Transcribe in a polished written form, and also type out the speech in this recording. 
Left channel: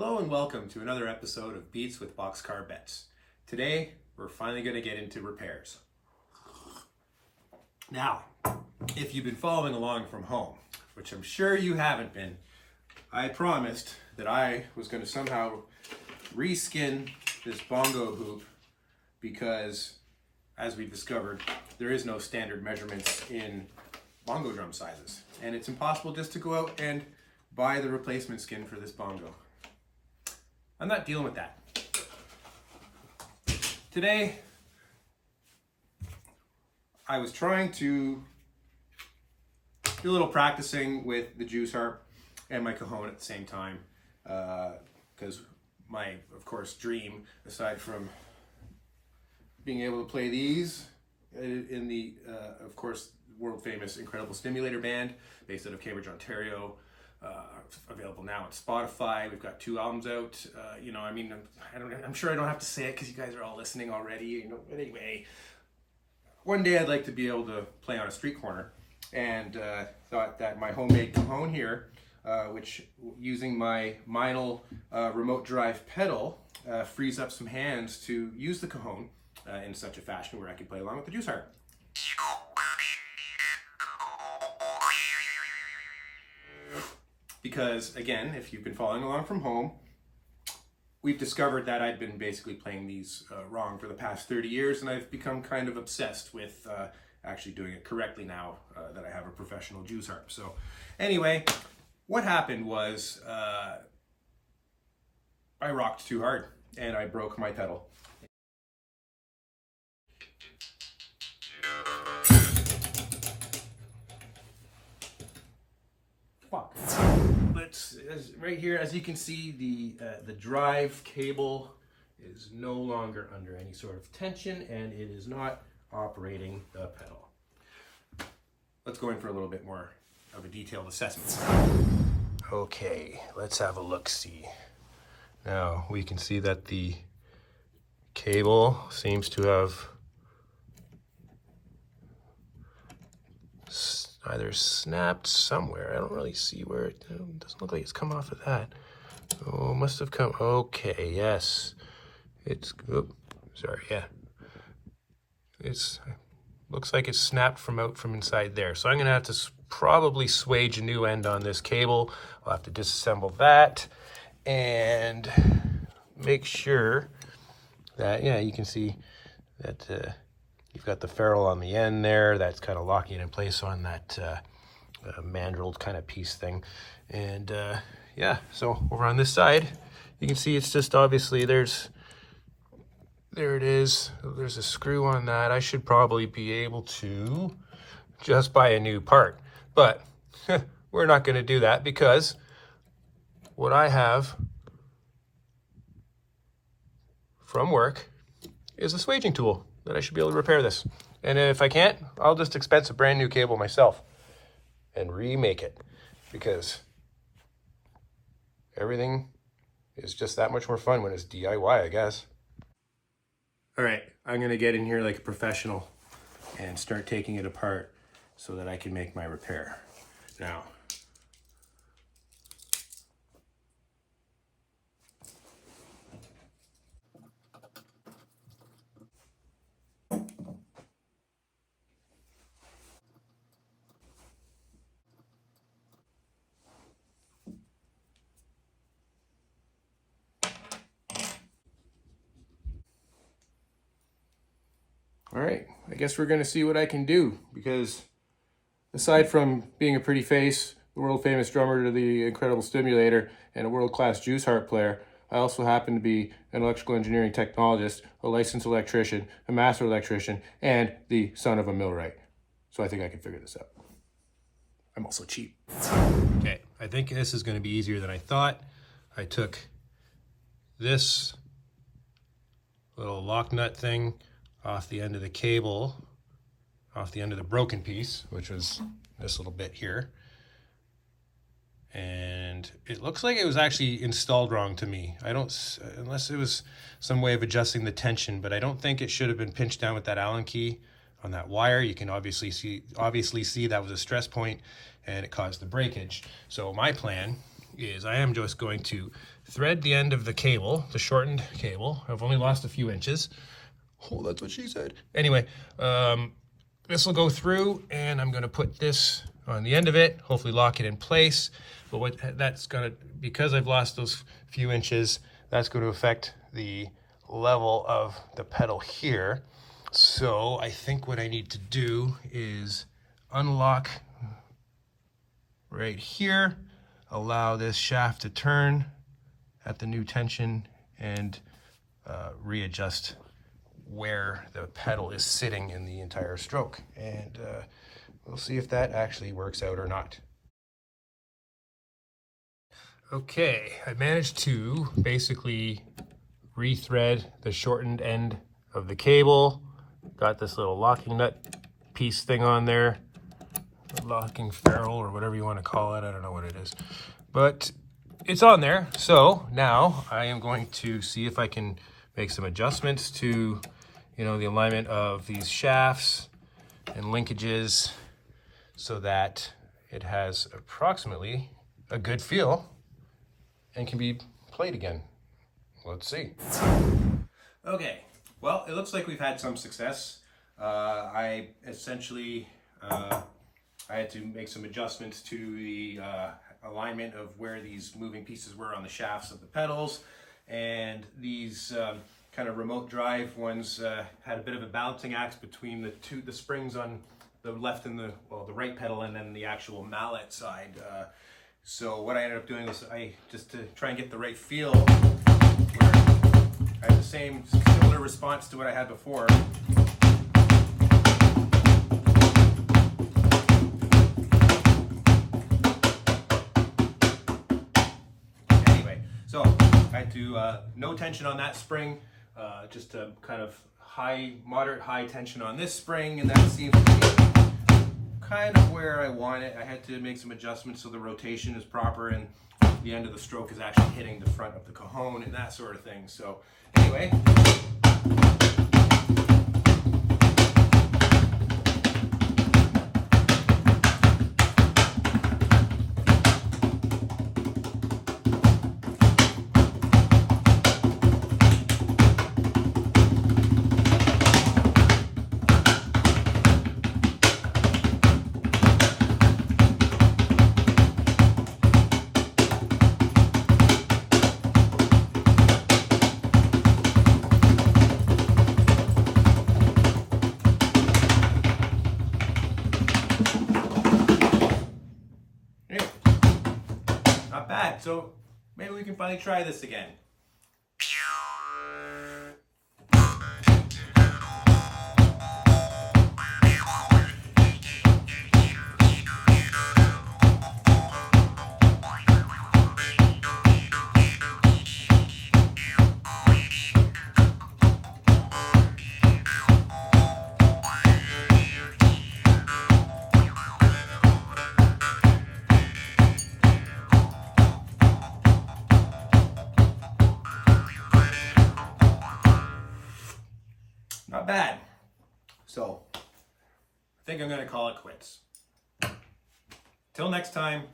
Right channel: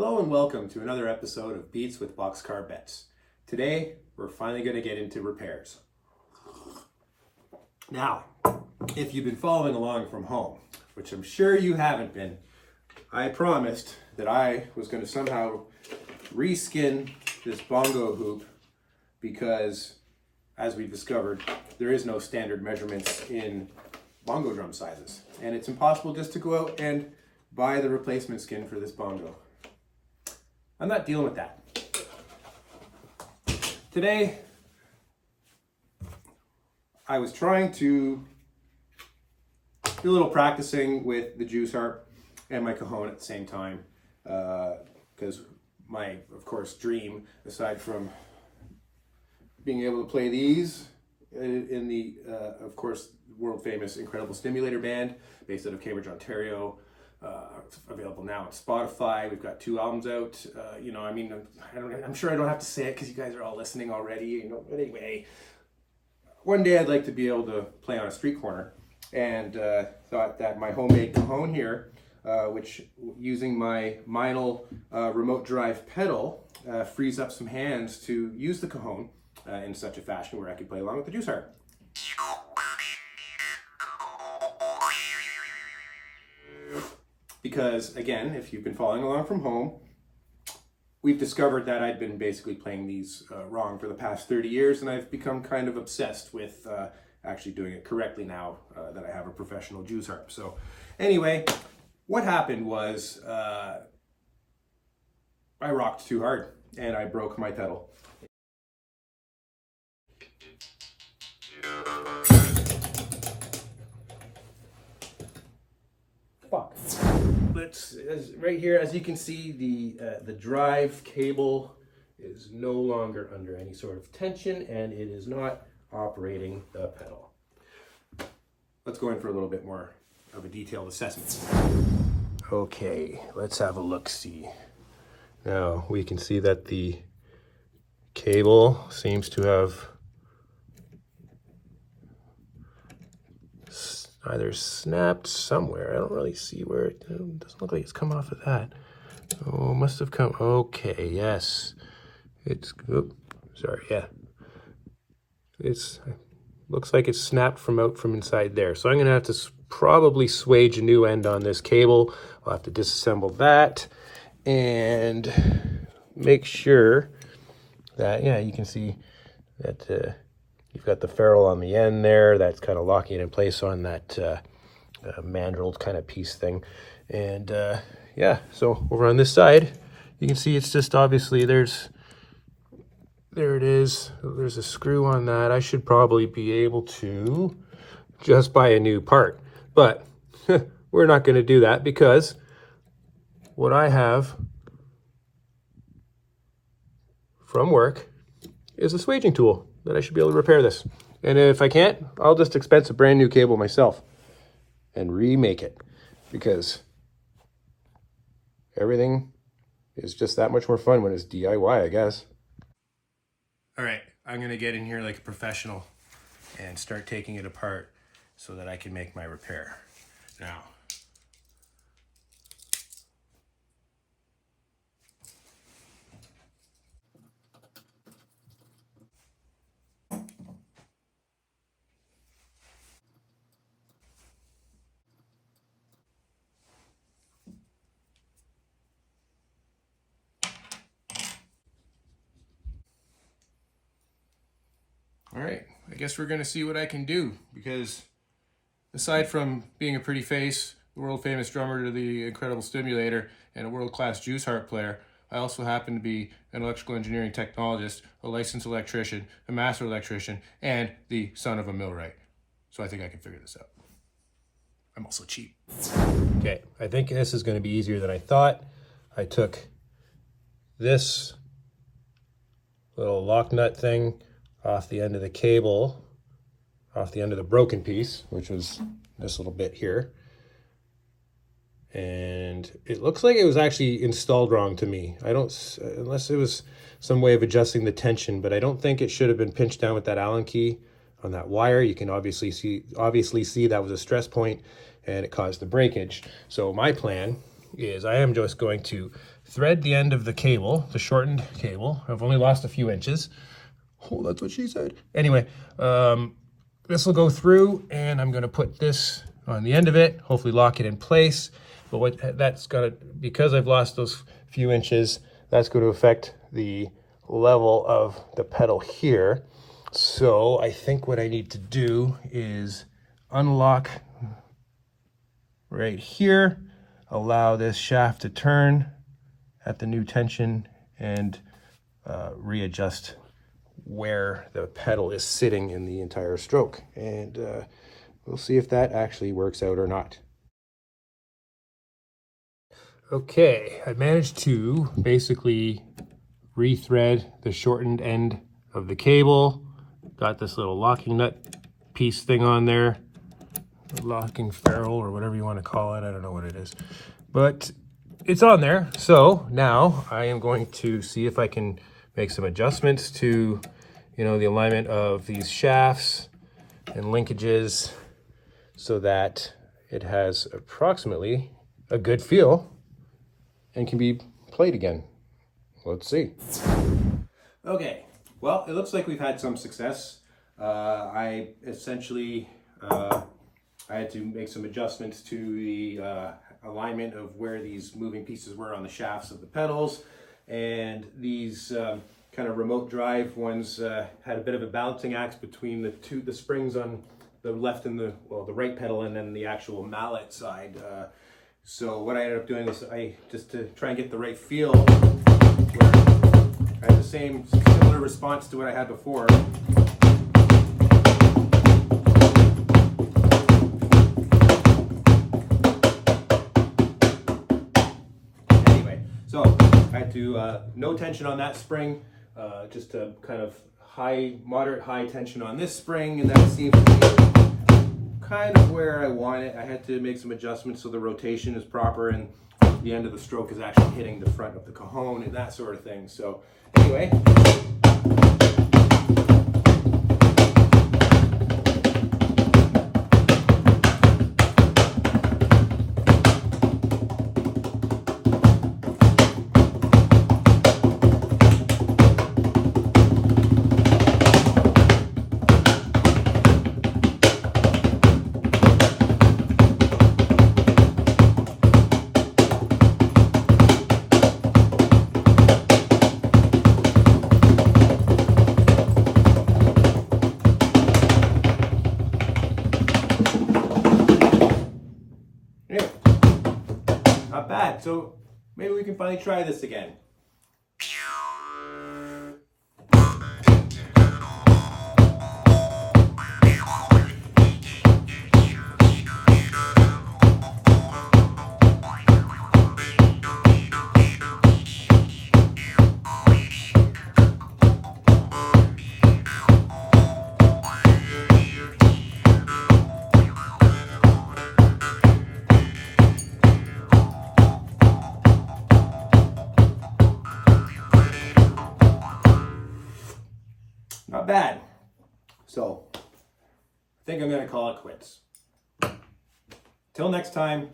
Hello and welcome to another episode of Beats with Boxcarbetts. Today, we're finally going to get into repairs. Now, if you've been following along from home, which I'm sure you haven't been, I promised that I was going to somehow reskin this bongo hoop because, as we've discovered, there is no standard measurements in bongo drum sizes. And it's impossible just to go out and buy the replacement skin for this bongo. I'm not dealing with that. Today, I was trying to do a little practicing with the juice harp and my cajon at the same time, because my, of course, dream, aside from being able to play these in the, of course, world famous Incredible Stimulator band based out of Cambridge, Ontario, available now on Spotify. We've got 2 albums out. I'm sure I don't have to say it because you guys are all listening already. But anyway, one day I'd like to be able to play on a street corner, and thought that my homemade cajon here, which using my Meinl remote drive pedal, frees up some hands to use the cajon in such a fashion where I could play along with the juice harp. Because, again, if you've been following along from home, we've discovered that I'd been basically playing these wrong for the past 30 years, and I've become kind of obsessed with actually doing it correctly now that I have a professional juice harp. So, anyway, what happened was I rocked too hard, and I broke my pedal. Fuck. Right here, as you can see, the drive cable is no longer under any sort of tension, and it is not operating the pedal. Let's go in for a little bit more of a detailed assessment. Okay, let's have a look-see. Now we can see that the cable seems to have either snapped somewhere. I don't really see where it doesn't look like it's come off of that. Oh, must have come. Okay, yes. It's, sorry, yeah. It's, looks like it's snapped from inside there. So I'm gonna have to probably swage a new end on this cable. I'll have to disassemble that and make sure that, yeah, you can see that you've got the ferrule on the end there. That's kind of locking it in place on that mandrel kind of piece thing. And yeah, so over on this side, you can see it's just obviously there it is. There's a screw on that. I should probably be able to just buy a new part. But we're not going to do that because what I have from work is a swaging tool that I should be able to repair this. And if I can't, I'll just expense a brand new cable myself and remake it, because everything is just that much more fun when it's DIY, I guess. All right, I'm gonna get in here like a professional and start taking it apart so that I can make my repair. Now, all right, I guess we're gonna see what I can do, because aside from being a pretty face, the world famous drummer to the Incredible Stimulator, and a world-class juice harp player, I also happen to be an electrical engineering technologist, a licensed electrician, a master electrician, and the son of a millwright. So I think I can figure this out. I'm also cheap. Okay, I think this is gonna be easier than I thought. I took this little lock nut thing off the end of the cable, off the end of the broken piece, which was this little bit here. And it looks like it was actually installed wrong to me. Unless it was some way of adjusting the tension, but I don't think it should have been pinched down with that Allen key on that wire. You can obviously see that was a stress point and it caused the breakage. So my plan is I am just going to thread the end of the cable, the shortened cable. I've only lost a few inches. Oh, that's what she said. Anyway, this will go through, and I'm going to put this on the end of it, hopefully lock it in place. But what that's got to, because I've lost those few inches, that's going to affect the level of the pedal here. So I think what I need to do is unlock right here, allow this shaft to turn at the new tension, and readjust where the pedal is sitting in the entire stroke. And we'll see if that actually works out or not. Okay, I managed to basically rethread the shortened end of the cable. Got this little locking nut piece thing on there, locking ferrule or whatever you want to call it. I don't know what it is, but it's on there. So now I am going to see if I can make some adjustments to, you know, the alignment of these shafts and linkages so that it has approximately a good feel and can be played again. Let's see. Okay, well, it looks like we've had some success. I essentially, I had to make some adjustments to the alignment of where these moving pieces were on the shafts of the pedals, and these kind of remote drive ones had a bit of a balancing act between the springs on the left and the right pedal, and then the actual mallet side. So what I ended up doing was just to try and get the right feel, where I had the similar response to what I had before. Anyway, so I had to no tension on that spring, just a kind of moderate high tension on this spring, and that seems to be kind of where I want it. I had to make some adjustments so the rotation is proper and the end of the stroke is actually hitting the front of the cajon and that sort of thing. So anyway. Not bad. So maybe we can finally try this again. Not bad. So I think I'm going to call it quits. Till next time.